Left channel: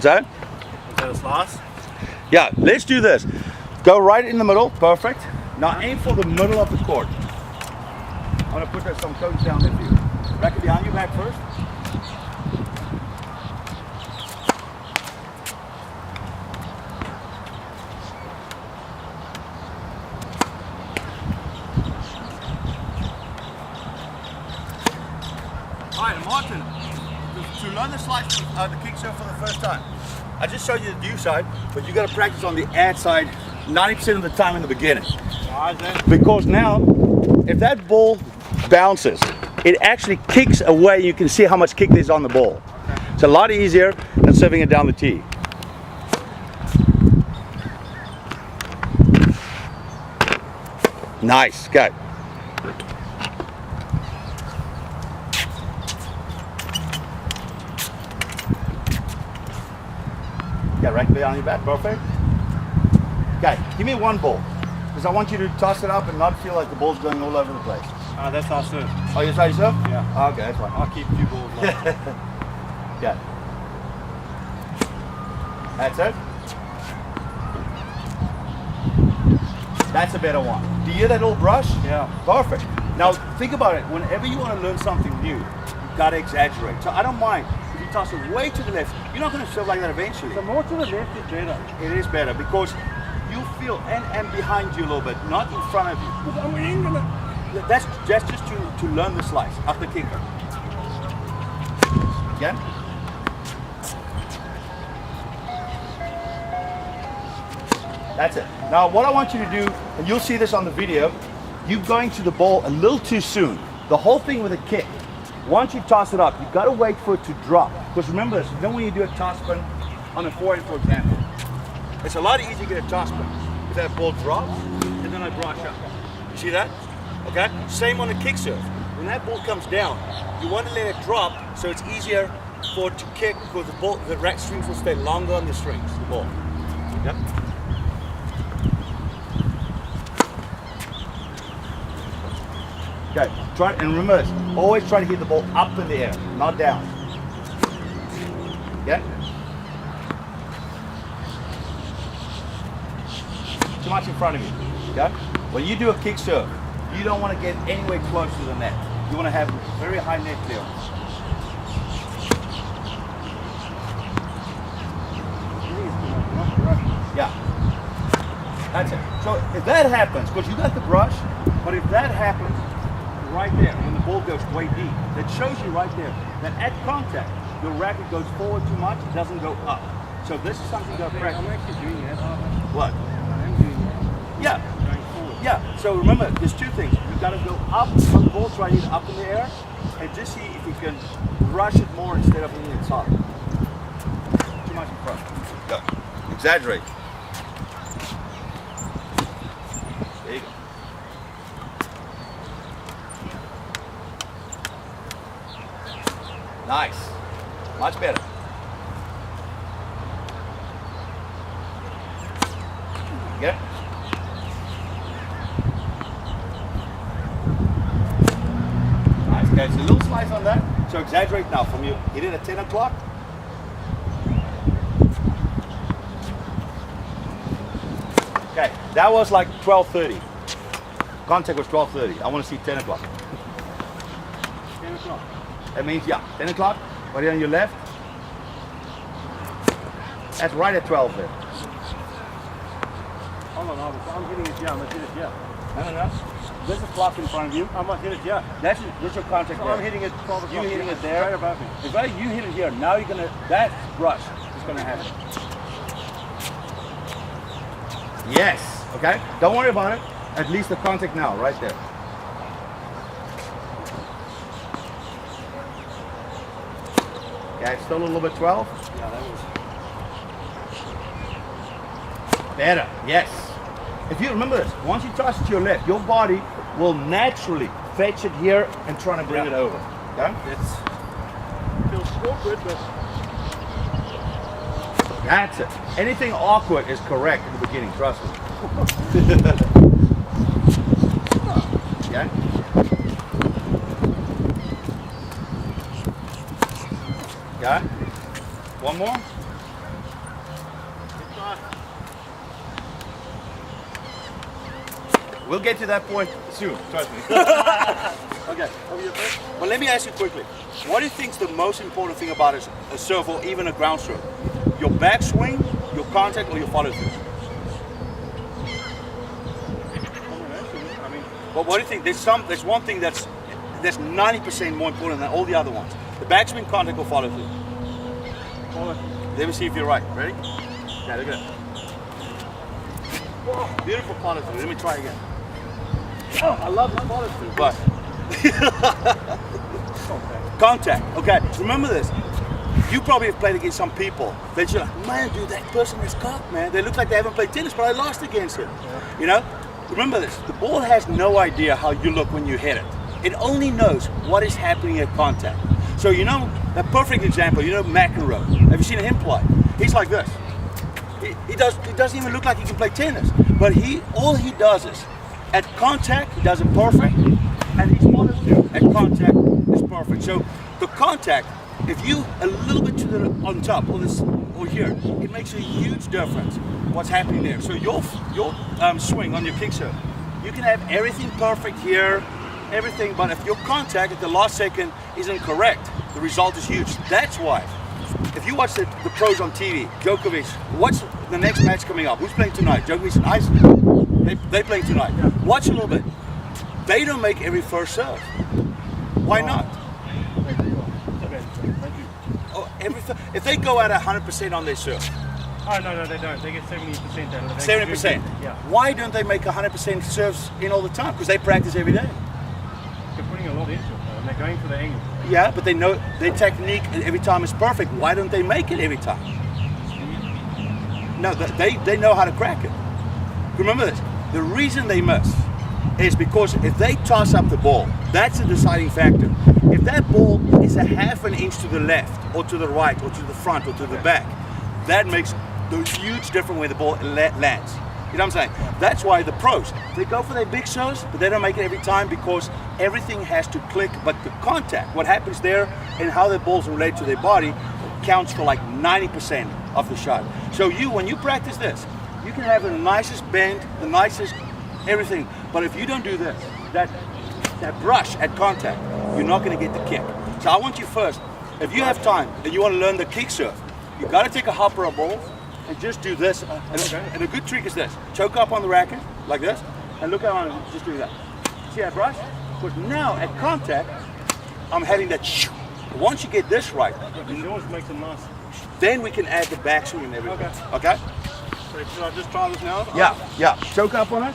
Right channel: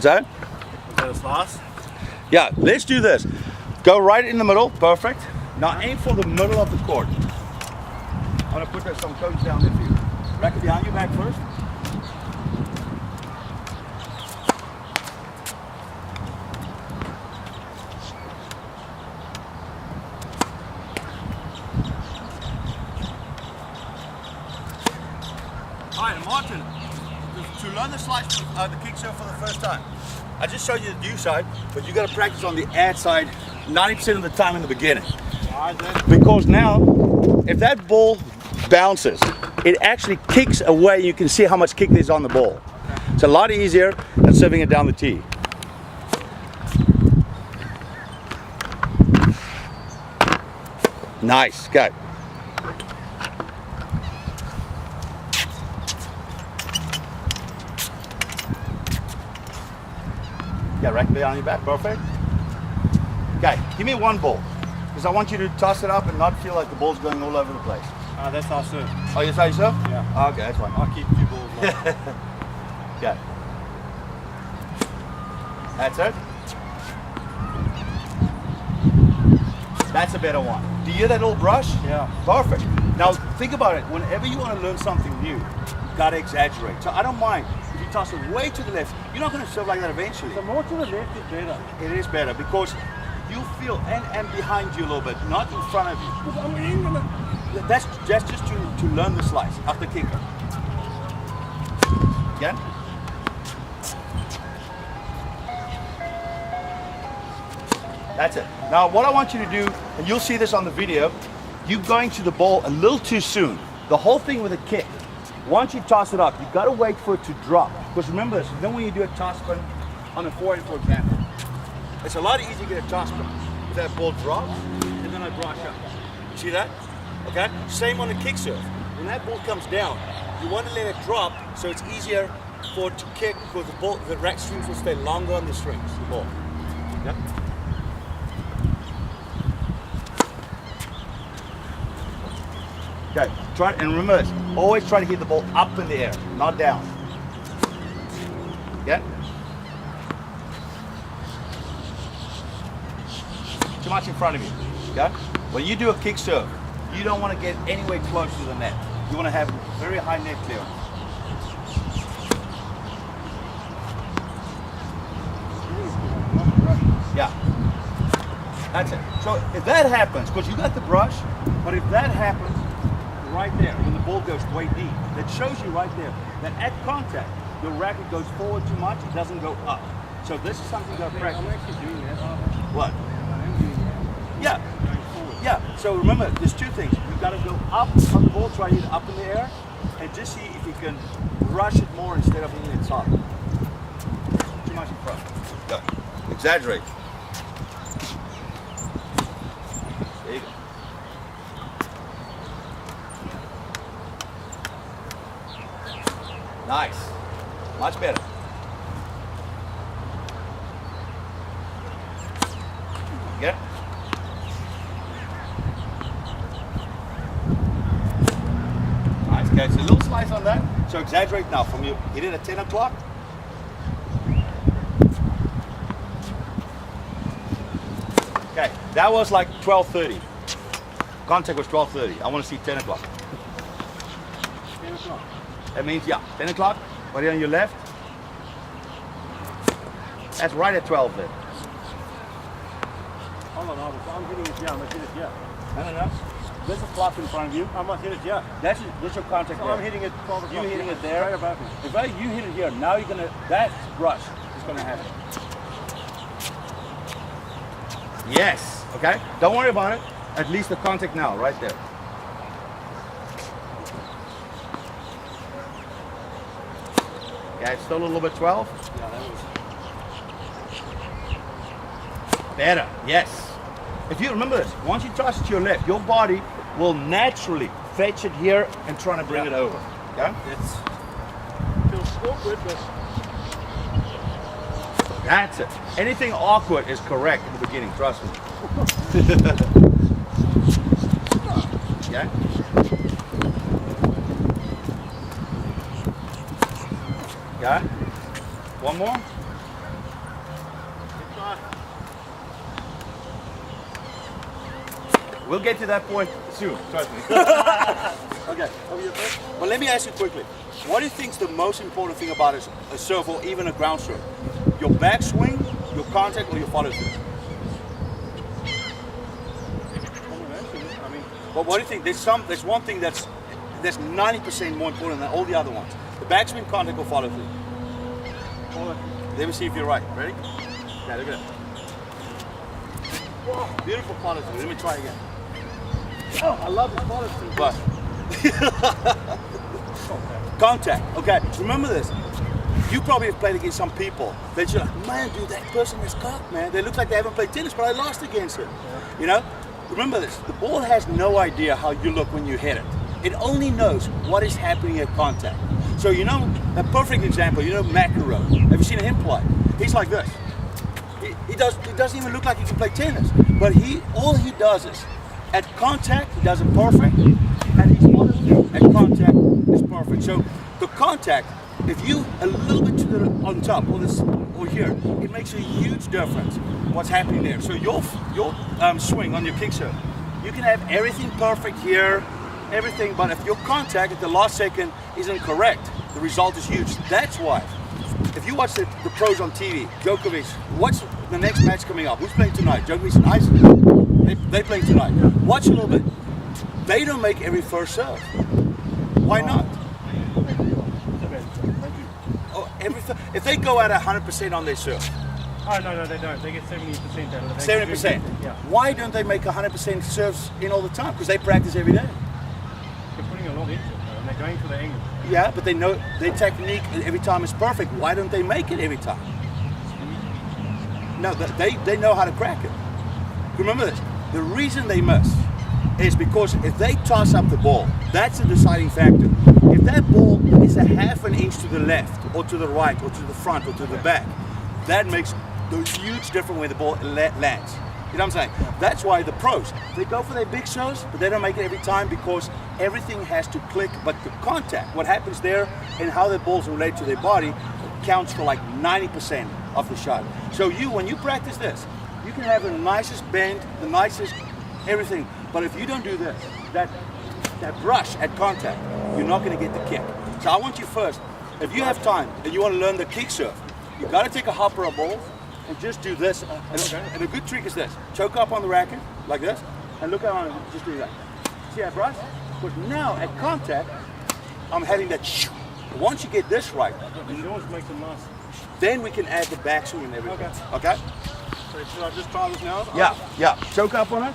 What's that? Is that a slice? Yeah, let's do this. Go right in the middle, perfect. Now aim for the middle of the court. I'm gonna put some cones down there for you. Racket behind your back first. Alright, Martin, to learn the slice, the kick serve for the first time, I just showed you the do side, but you got to practice on the ad side 90% of the time in the beginning. Why is that? Because now, if that ball bounces, it actually kicks away. You can see how much kick there's on the ball. Okay. It's a lot easier than serving it down the tee. Nice, good. Yeah, right behind your back, perfect. Okay, give me one ball, because I want you to toss it up and not feel like the ball's going all over the place. That's our serve. Oh, you say serve? Yeah. Oh, okay, that's fine. I'll keep a few balls left. Yeah. That's it. That's a better one. Do you hear that little brush? Yeah. Perfect. Now think about it. Whenever you want to learn something new, you gotta exaggerate. So I don't mind if you toss it way to the left. You're not going to serve like that eventually. So more to the left is better. It is better because you feel and behind you a little bit, not in front of you. Because I'm in gonna. That's just to learn the slice after kicker. Again. That's it. Now what I want you to do, and you'll see this on the video, you're going to the ball a little too soon. The whole thing with a kick, once you toss it up, you got to wait for it to drop. Because remember this, then when you do a toss spin on a forehand, for example, it's a lot easier to get a toss spin. If that ball drops, and then I brush up. You see that? Okay? Same on a kick serve. When that ball comes down, you want to let it drop so it's easier for it to kick because the rack strings will stay longer on the strings, the ball. Yeah? Okay, try and remember this, always try to hit the ball up in the air, not down. Yeah? Too much in front of you. Okay? When you do a kick serve, you don't want to get anywhere close to the net. You want to have very high net clearance. Yeah. That's it. So if that happens, because you got the brush, but if that happens right there, when the ball goes way deep, that shows you right there that at contact, your racket goes forward too much, it doesn't go up. So this is something you got to practice. I'm actually doing that. What? I am doing that. Yeah. Going forward. Yeah. So remember, there's two things. You've got to go up on the ball, try to hit it up in the air, and just see if you can rush it more instead of hitting it soft. Too much in front. Go. Exaggerate. There you go. Nice. Much better. Get it? Nice. Okay, so a little slice on that. So exaggerate now. From you hit it at 10 o'clock. Okay, that was like 12:30. Contact was 12:30. I want to see 10 o'clock. 10 o'clock. That means, yeah, 10 o'clock, right here on your left. That's right at 12 there. Hold on. I'm hitting it here. I'm going to hit it here. No. There's a clock in front of you. I must hit it here. That's your contact So there. I'm hitting it 12 o'clock. You hitting it Right there. above me. If you hit it here, now you're going to, that brush is going to happen. Yes, okay? Don't worry about it. At least the contact now, right there. Yeah, it's still a little bit 12. Yeah, that was. Better, yes. If you remember this, once you toss it to your left, your body will naturally fetch it here and try to bring it over. Okay? It's feels awkward, but That's it. Anything awkward is correct in the beginning, trust me. Yeah? Yeah? One more? We'll get to that point soon, trust me. Okay, over your first. But let me ask you quickly. What do you think is the most important thing about a serve or even a ground stroke? Your backswing, your contact, or your follow through? I mean, But what do you think? There's one thing that's 90% more important than all the other ones. The backswing, contact, or follow through. follow. Let me see if you're right. Ready? Yeah, look at that. Whoa, beautiful follow through. Let me try again. Oh, I love this follow through, but contact. Okay, remember this. You probably have played against some people that you're like, man, dude, that person is cocked, man. They look like they haven't played tennis, but I lost against him. You know? Remember this. The ball has no idea how you look when you hit it. It only knows what is happening at contact. So you know, a perfect example, you know McEnroe. Have you seen him play? He's like this. He doesn't even look like he can play tennis. But all he does is, at contact, he does it perfect, and his follow through at contact is perfect. So the contact, if you a little bit to the on top or this or here, it makes a huge difference what's happening there. So your swing on your kick serve, you can have everything perfect here, everything, but if your contact at the last second isn't correct, the result is huge. That's why. If you watch the pros on TV, Djokovic, what's the next match coming up? Who's playing tonight? Djokovic and Iceland. They playing tonight. Yeah. Watch a little bit. They don't make every first serve. Why not? Oh, if they go out 100% on their serve, Oh, no, they don't. They get 70% out of it. 70%. Yeah. Why don't they make 100% serves in all the time? Because they practice every day. They're putting a lot into it, though, and they're going for the angle. Yeah, but they know their technique every time is perfect. Why don't they make it every time? No, they know how to crack it. Remember this, the reason they miss is because if they toss up the ball, that's a deciding factor. If that ball is a half an inch to the left or to the right or to the front or to the back, that makes the huge difference where the ball lands. You know what I'm saying? Yeah. That's why the pros, they go for their big shows, but they don't make it every time because everything has to click. But the contact, what happens there and how the balls relate to their body counts for like 90% of the shot. So when you practice this, you can have the nicest bend, the nicest everything. But if you don't do this, that brush at contact, you're not going to get the kick. So I want you first, if you have time and you want to learn the kick serve, you got to take a hopper of balls and just do this. And a good trick is this: choke up on the racket like this, and look how I'm just doing that. See that brush? Because now at contact, I'm having that. Once you get this right, It always makes a nice. then we can add the backswing and everything. Okay. Okay? So should I just try this now? Yeah. Choke up on it.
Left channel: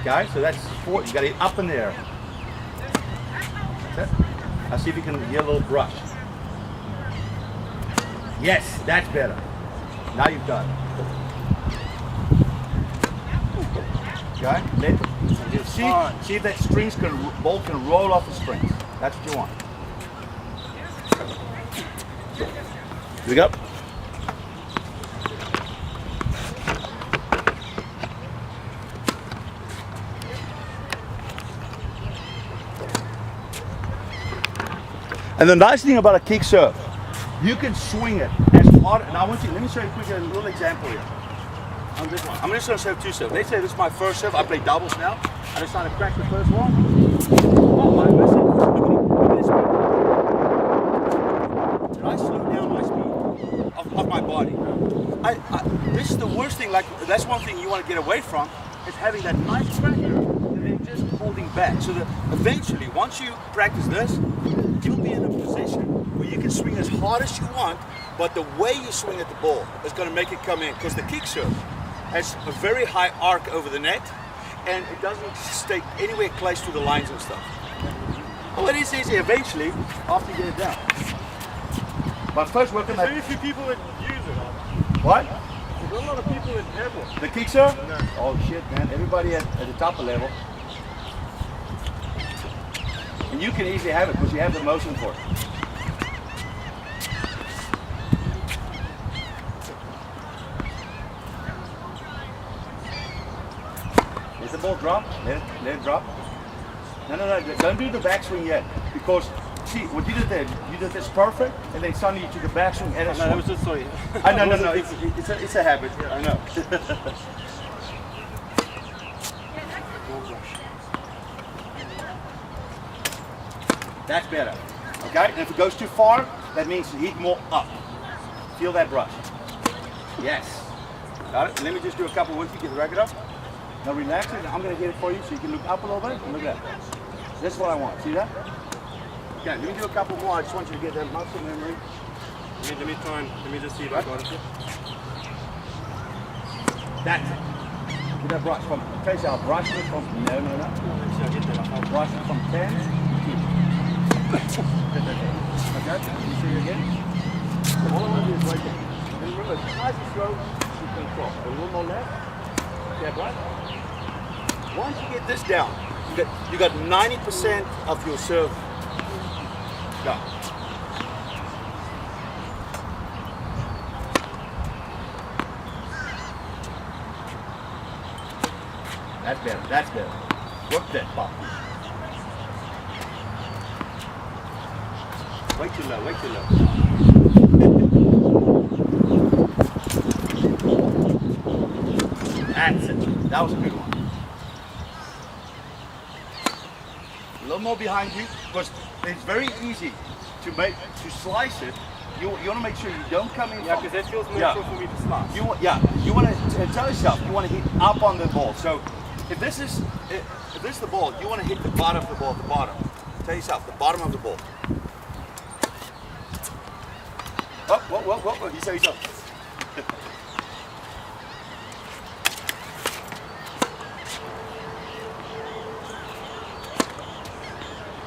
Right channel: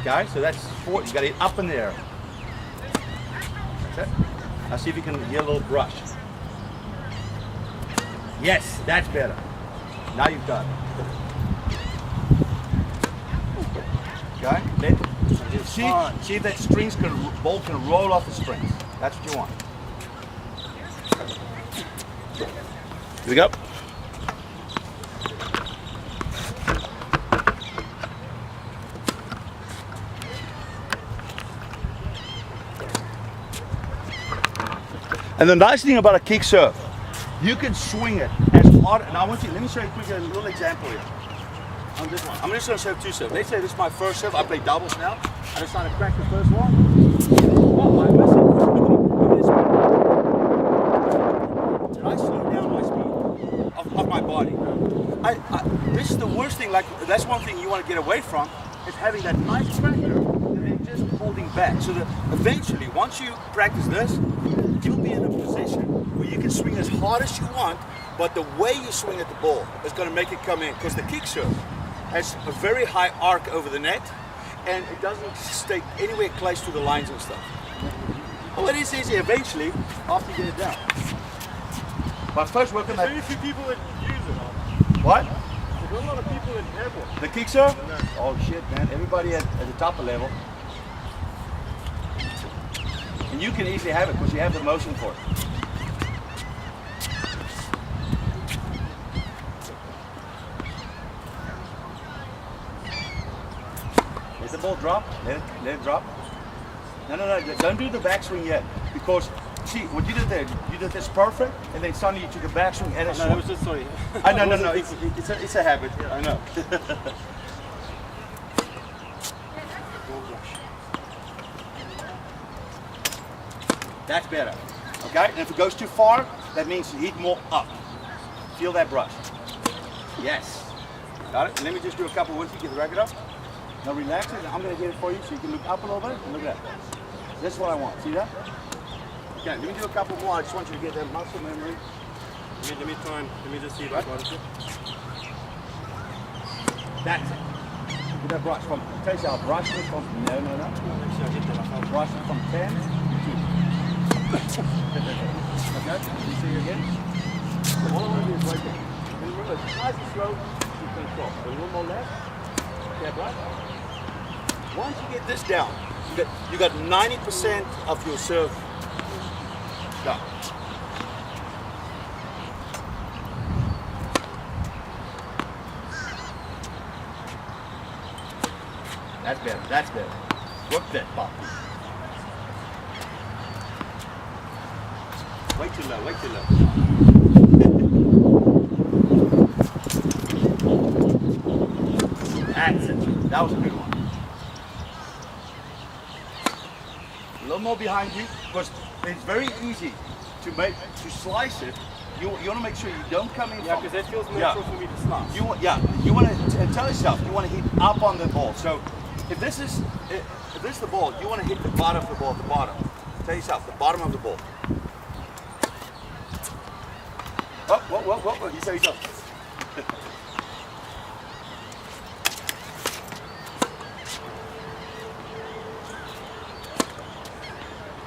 Okay, so that's 4. You got it up in the air. That's it. Now see if you can get a little brush. Yes, that's better. Now you've got it. Okay, see if that ball can roll off the strings. That's what you want. Here we go. And the nice thing about a kick serve, you can swing it as hard. And let me show you quickly a little example here. On this one, I'm just going to serve 2 serves. Let's say this is my first serve. I play doubles now. I just try to crack the first one. Oh, I miss it. Look at this speed. Did I slow down my speed of my body? This is the worst thing. Like, that's one thing you want to get away from, is having that nice cracker and then just holding back. So that eventually, once you practice this, you'll be in a position where you can swing as hard as you want, but the way you swing at the ball is going to make it come in, because the kick serve has a very high arc over the net, and it doesn't stay anywhere close to the lines and stuff. Oh, it is easy eventually after you get it down. But first work on There's that. very few people that use it. What? There's not a lot of people that have one. The kick serve? No. Oh shit, man! Everybody at the top of level. And you can easily have it because you have the motion for it. Let the ball drop. Let it drop. No. Don't do the backswing yet, because see what you did there. You did this perfect, and then suddenly you took a backswing and a No, swing. it was just sorry. No. It's a habit. Yeah, I know. That's better. Okay, and if it goes too far, that means you hit more up. Feel that brush. Yes. Got it? Let me just do a couple with you, get the racket up. Now relax it, I'm going to hit it for you so you can look up a little bit. And look at that. This is what I want. See that? Okay, let me do a couple more. I just want you to get that muscle memory. Let me try and, let me just see if I got it. That's it. Get that brush from, tell you, I'll brush it from, no. Actually, I get that. I'll brush it from 10 to 2. Okay, you see it again? So all I want to do is right there. And remember, it's nice and slow, you control. A little more left. Yeah, right? Once you get this down, you got 90% of your serve done. That's better, that's better. Work that pop. Way too low, way too low. That's it. That was a good one. A little more behind you, because it's very easy to slice it. You want to make sure you don't come in. Yeah, because that feels natural for me to slice. You want to tell yourself you want to hit up on the ball. So if this is the ball, you want to hit the bottom of the ball at the bottom. Tell yourself the bottom of the ball. Whoa. You say yourself.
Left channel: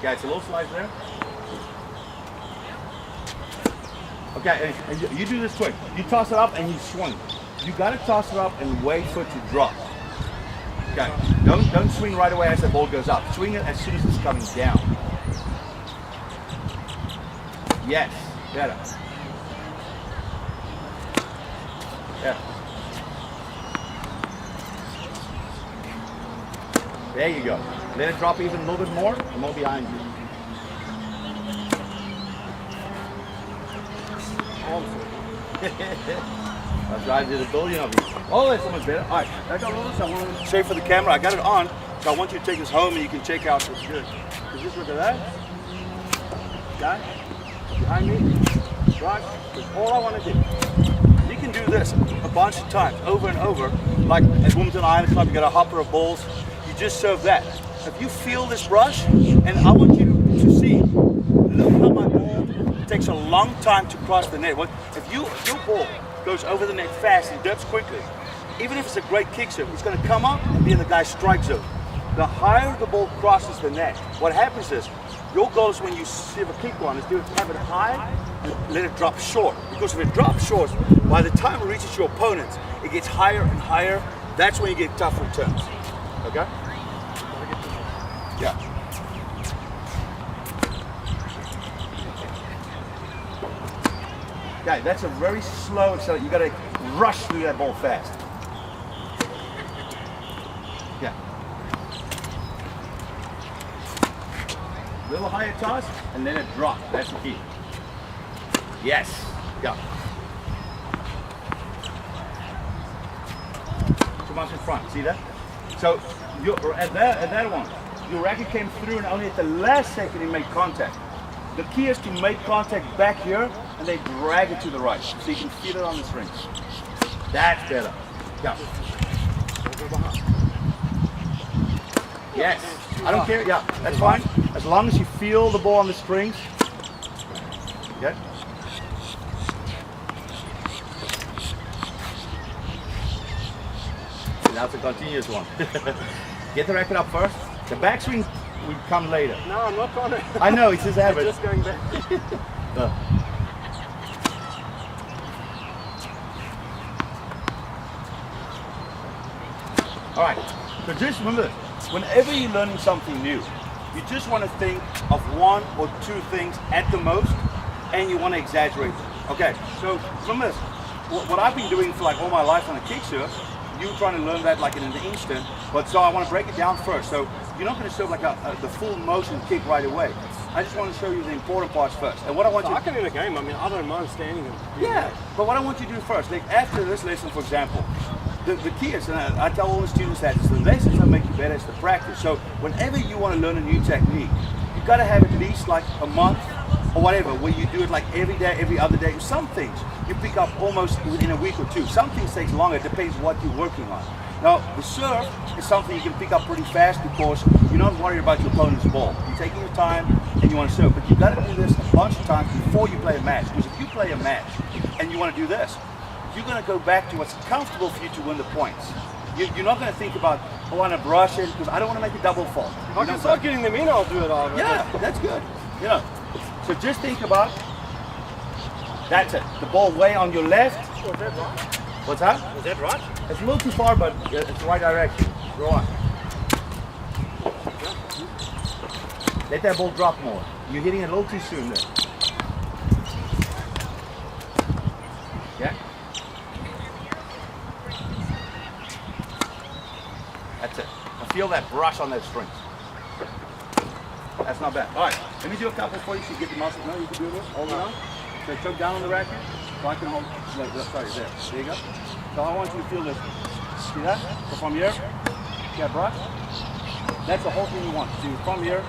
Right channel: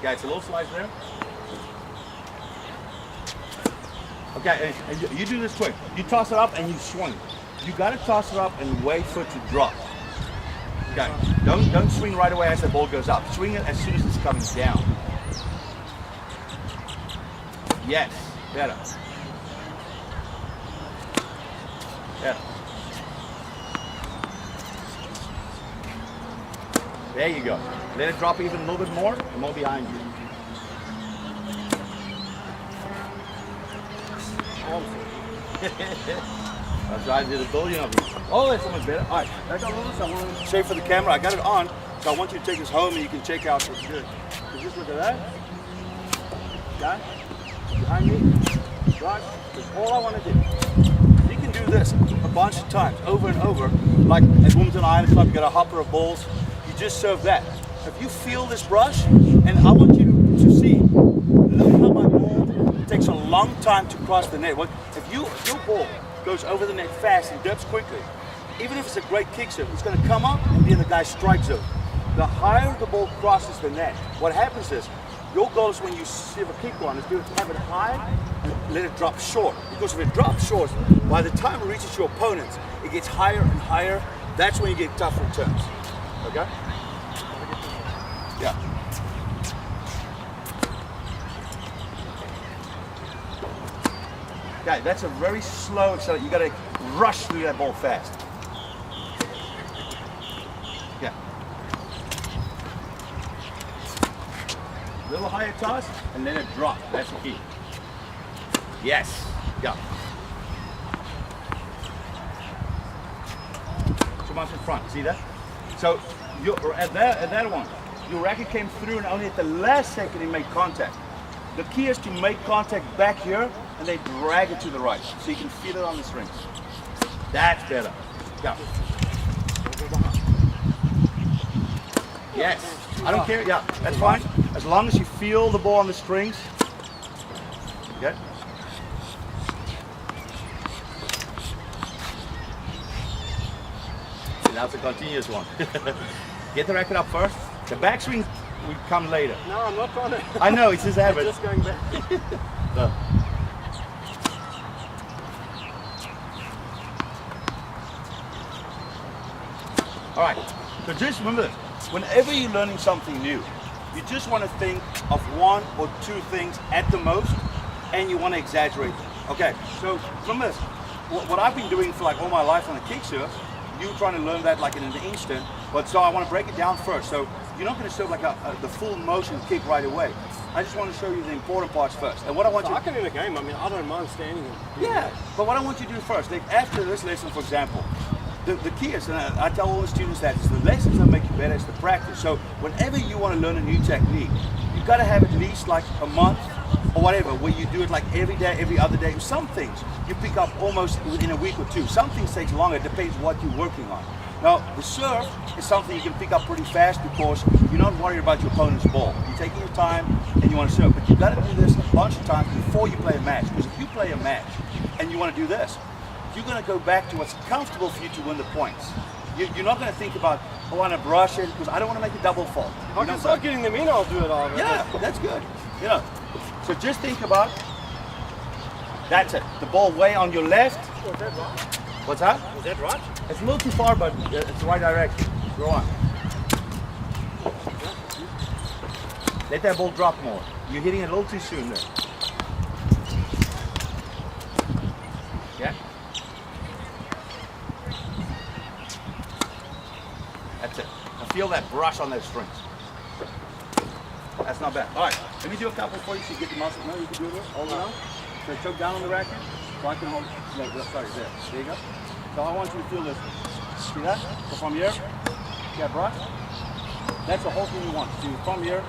Yeah, it's a little slice there. Okay, and you do this quick. You toss it up and you swing. You gotta toss it up and wait for it to drop. Okay, don't swing right away as the ball goes up. Swing it as soon as it's coming down. Yes, better. Yeah. There you go. Let it drop even a little bit more, and more behind you. That's right, I did a billion of these. Oh, that's so much better. All right, I got all this. I want to show for the camera. I got it on, so I want you to take this home and you can check out what's good. So just look at that. Guy, behind me. Right, that's all I want to do. You can do this a bunch of times, over and over. Like at Wilmington Island Club, you got a hopper of balls. You just serve that. If you feel this brush, and I want you to see, look how my ball takes a long time to cross the net. If your ball goes over the net fast and dips quickly, even if it's a great kick serve, it's going to come up and be in the guy's strike zone. The higher the ball crosses the net, what happens is, your goal is when you serve a kick one, is to have it high and let it drop short. Because if it drops short, by the time it reaches your opponent, it gets higher and higher. That's when you get tough returns. Okay? Yeah. Okay, that's a very slow acceleration. You got to rush through that ball fast. Yeah. A little higher toss and then it drop. That's the key. Yes. Yeah. Too much in front. See that? So you're at that one, your racket came through and only at the last second it made contact. The key is to make contact back here and then drag it to the right so you can feel it on the strings. That's better. Yeah. Yes. I don't care. Yeah, that's fine. As long as you feel the ball on the strings. Okay. That's a continuous one. Get the racket up first. The backswing will come later. No, I'm not trying to. I know, it's his habit. I'm just going back. All right, so just remember, whenever you're learning something new, you just want to think of one or two things at the most, and you want to exaggerate them. Okay, so remember this. What I've been doing for like all my life on the kick serve, you trying to learn that like in an instant, but so I want to break it down first. So you're not going to serve like the full motion kick right away. I just want to show you the important parts first. And what I want you I can in a game, I mean, I don't mind standing and doing yeah, that. but what I want you to do first, like after this lesson, for example, the key is, and I tell all the students that, is the lessons that make you better, it's the practice. So whenever you want to learn a new technique, you've got to have at least like a month or whatever, where you do it like every day, every other day. Some things you pick up almost within a week or two. Some things takes longer, it depends what you're working on. Now, the serve is something you can pick up pretty fast because you're not worried about your opponent's ball. You're taking your time and you want to serve, but you've got to do this a bunch of times before you play a match. Because if you play a match and you want to do this, you're going to go back to what's comfortable for you to win the points. You're not going to think about, oh, I want to brush it because I don't want to make a double fault. If I can start getting them in, I'll do it all. Yeah, that's good. You know, so just think about, that's it. The ball way on your left. Was that right? What's that? Was that right? It's a little too far, but it's the right direction. Go on. Let that ball drop more. You're hitting it a little too soon there. Yeah? That's it. I feel that brush on those strings. That's not bad. All right, let me do a couple for you so you get the muscle. No, you can do this. Hold it on. So choke down on the racket. So I can hold. No, sorry, there. There you go. So I want you to feel this. See that? So from here, see that brush? That's the whole thing you want. So from here,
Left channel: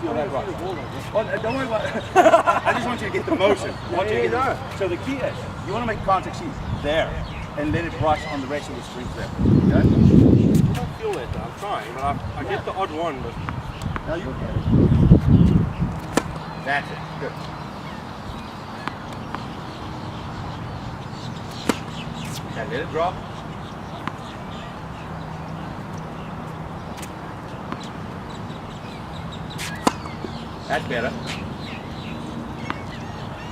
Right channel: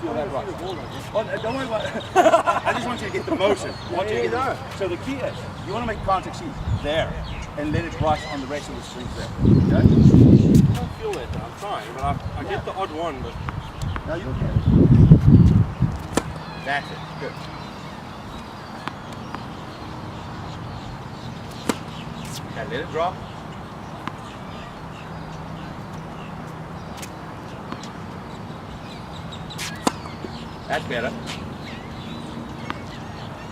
feel that brush. Oh, don't worry about it. I just want you to get the motion. I want you to get the, so the key is, you want to make contact see there and let it brush on the rest of the strings there. Okay? I don't feel that though. I'm trying, but I get the odd one. But Now you get it. That's it. Good. Okay, let it drop. That's better.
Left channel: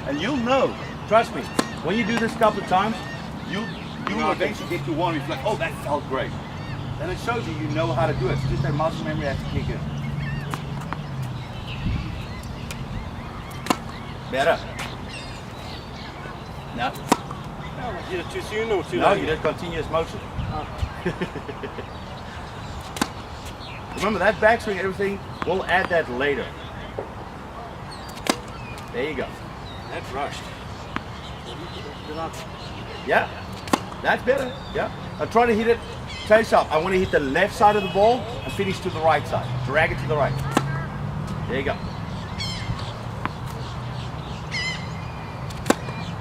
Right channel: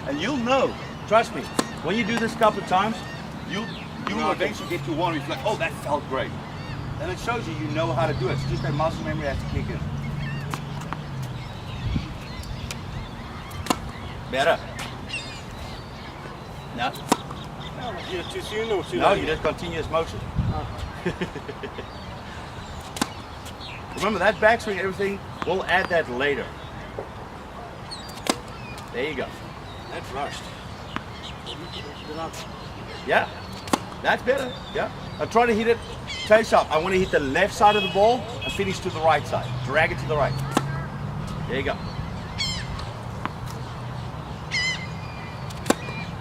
And you'll know, trust me, when you do this a couple of times, you will eventually get to one where you're like, oh, that felt great. And it shows you know how to do it. It's just that muscle memory has to kick in. Better. No. either too soon or too No, late. you just continuous motion. Remember that backswing, everything, we'll add that later. There you go. That's rushed. Yeah, that's better. Yeah. I try to hit it face up. I want to hit the left side of the ball and finish to the right side. Drag it to the right. There you go.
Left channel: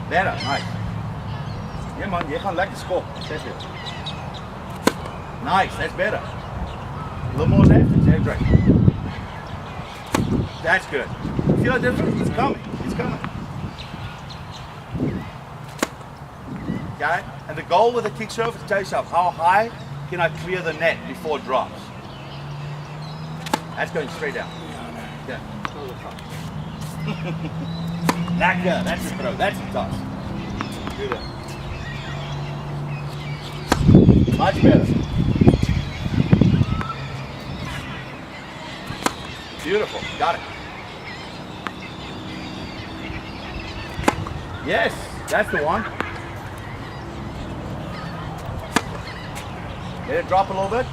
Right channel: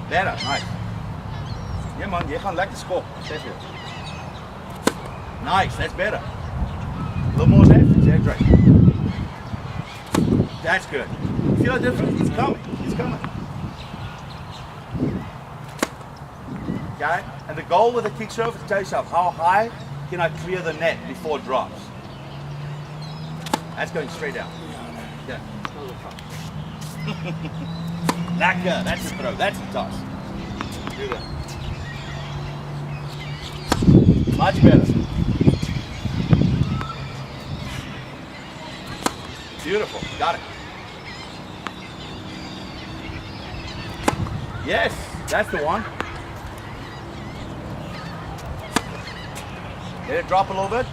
Better, nice. Yeah man, jy gaan lekker skop. That's it. Nice, that's better. A little more left, that's right. That's good. You feel that difference? It's coming, it's coming. Okay, and the goal with the kick serve is to tell yourself, how high can I clear the net before it drops? That's going straight down. Yeah. Lekker, that's a throw, that's a toss. Do that. Much better. Beautiful, got it. Yes, that's the one. Let it drop a little bit.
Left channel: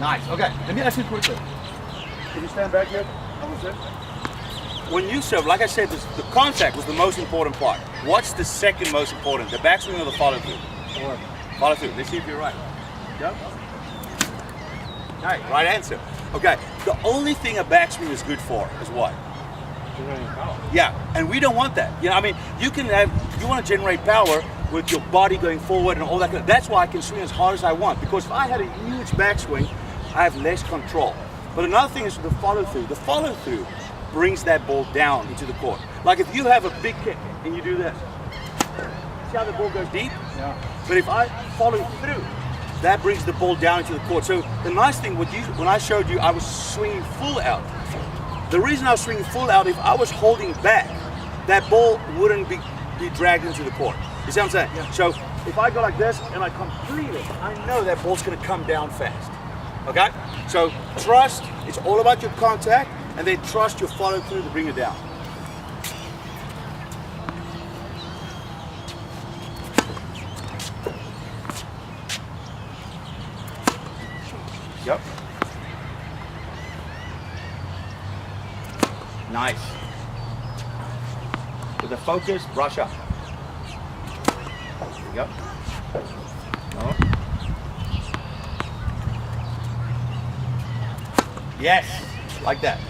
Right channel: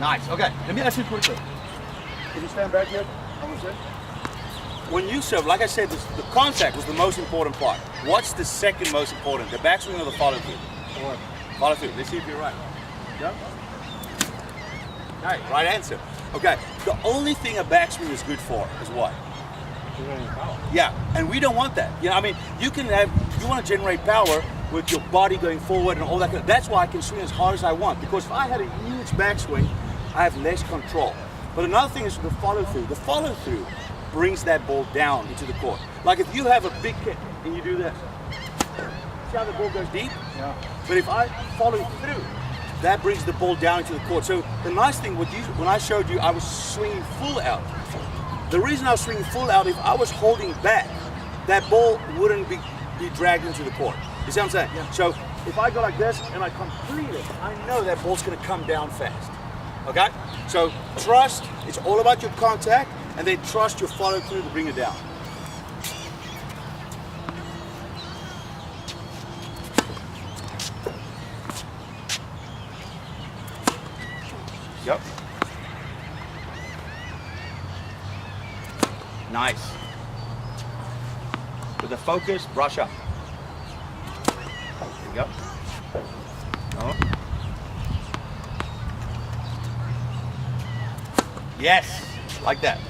Nice, okay, let me ask you quickly. Can you stand back here? When you serve, like I said, the contact was the most important part. What's the second most important? The backswing or the follow through? Follow through. Let's see if you're right. Yep. Okay, right answer. Okay, the only thing a backswing is good for is what? Generating power. Yeah, and we don't want that. You know, I mean, you want to generate power with your body going forward and all that. That's why I can swing as hard as I want, because if I had a huge backswing, I have less control. But another thing is the follow through. The follow through brings that ball down into the court. Like if you have a big kick and you do this, see how the ball goes deep? Yeah. But if I follow through, that brings the ball down into the court. So the nice thing, when I showed you, I was swinging full out. The reason I was swinging full out, if I was holding back, that ball wouldn't be dragged into the court. You see what I'm saying? Yeah. So if I go like this and I complete it, I know that ball's gonna come down fast. Okay? So trust, it's all about your contact, and then trust your follow through to bring it down. Nice. With the focus, brush up. There you go. Oh. Yes, like that.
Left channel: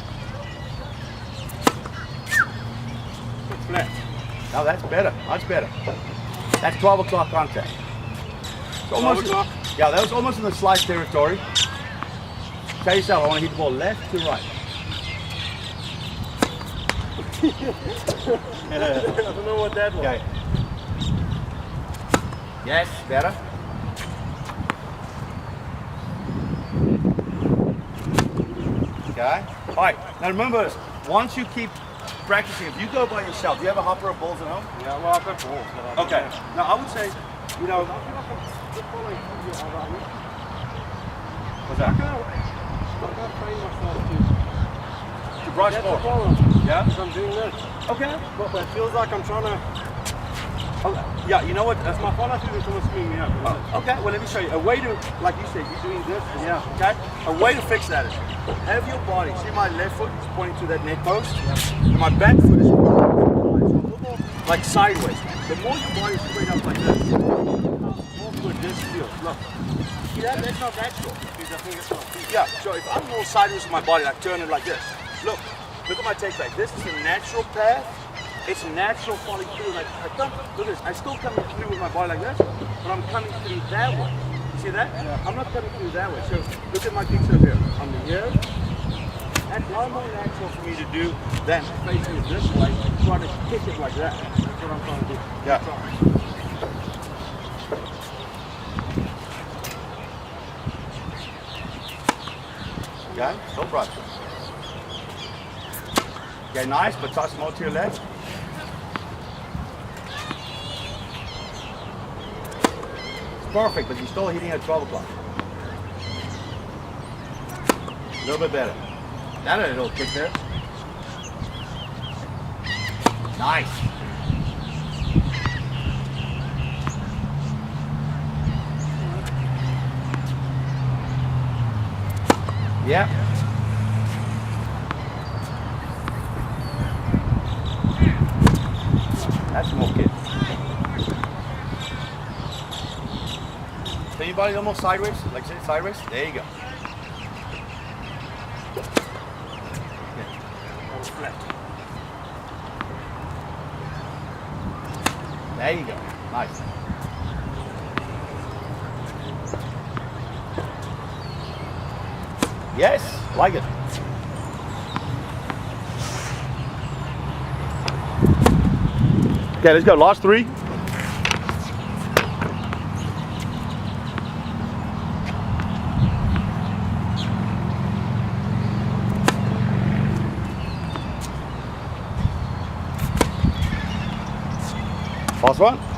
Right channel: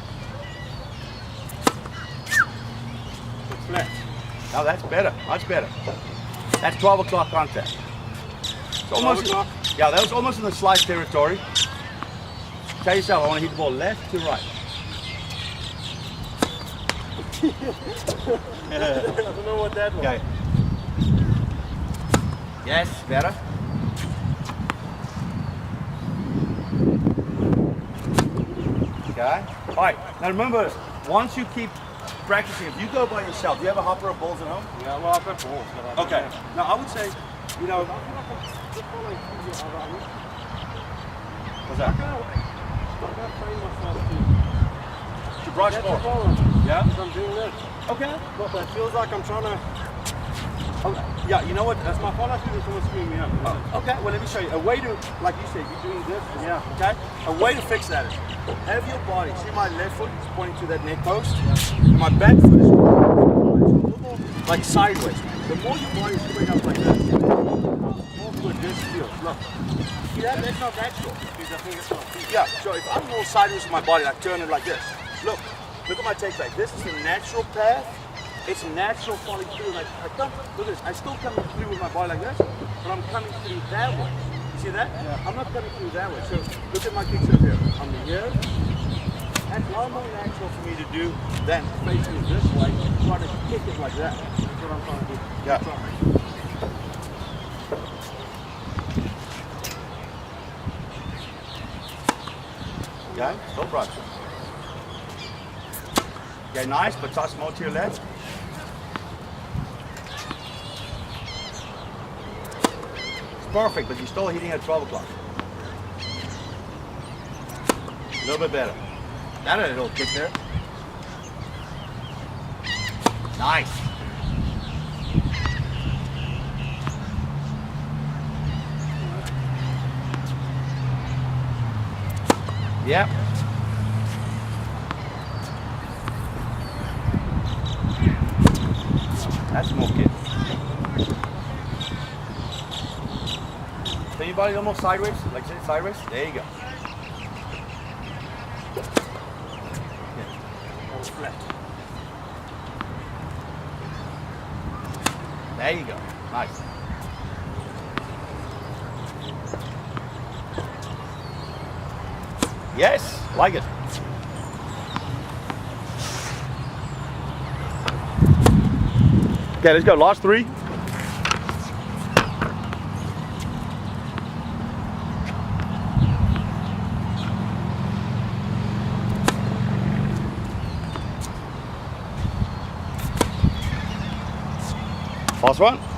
Flat. Now that's better, much better. That's 12 o'clock contact. It's almost, 12 o'clock? yeah, that was almost in the slice territory. Tell yourself, I want to hit the ball left to right. I don't know what that was. Okay. Yes, better. Okay. All right. Now remember this. Once you keep practicing, if you go by yourself, do you have a hopper of balls at home? Yeah, well, I've got balls. But I don't Okay. have- Now I would say, you know, I feel like I'm just following through your other. what's I that? can't train myself To brush That's the ball. problem. Yeah. Because I'm doing this. Okay. But it feels like I'm trying to. Oh, yeah. You know what? That's my follow through that's almost screwing me up. Okay, well let me show you. A way to, like you said, you're doing this. Yeah. Okay? A way to fix that is, have your body, see my left foot is pointing to that net post, and my back foot is pointing to the line. So a little more like sideways. The more your body is straight up like this, the more good this feels. Look. See that? That's not natural. Yeah, so if I'm more sideways with my body, like turn it like this. Look at my take back. This is the natural path. It's natural falling through. Like I come, look at this. I still coming through with my body like this, but I'm coming through that way. You see that? Yeah. I'm not coming through that way. So look at my kickserve here. I'm here. That's a lot more natural for me to do than facing it this way, trying to kick it like that. That's what I'm trying to do. Yeah. Okay, still brush. Okay, nice, but toss more to your left. It's perfect, but you're still hitting at 12 o'clock. A little bit better. That a little kick there. Nice. Yep. That's more kick. So your body almost sideways, like sit sideways. There you go. Flat. There you go. Nice. Yes, like it. Okay, let's go. Last three. Last one.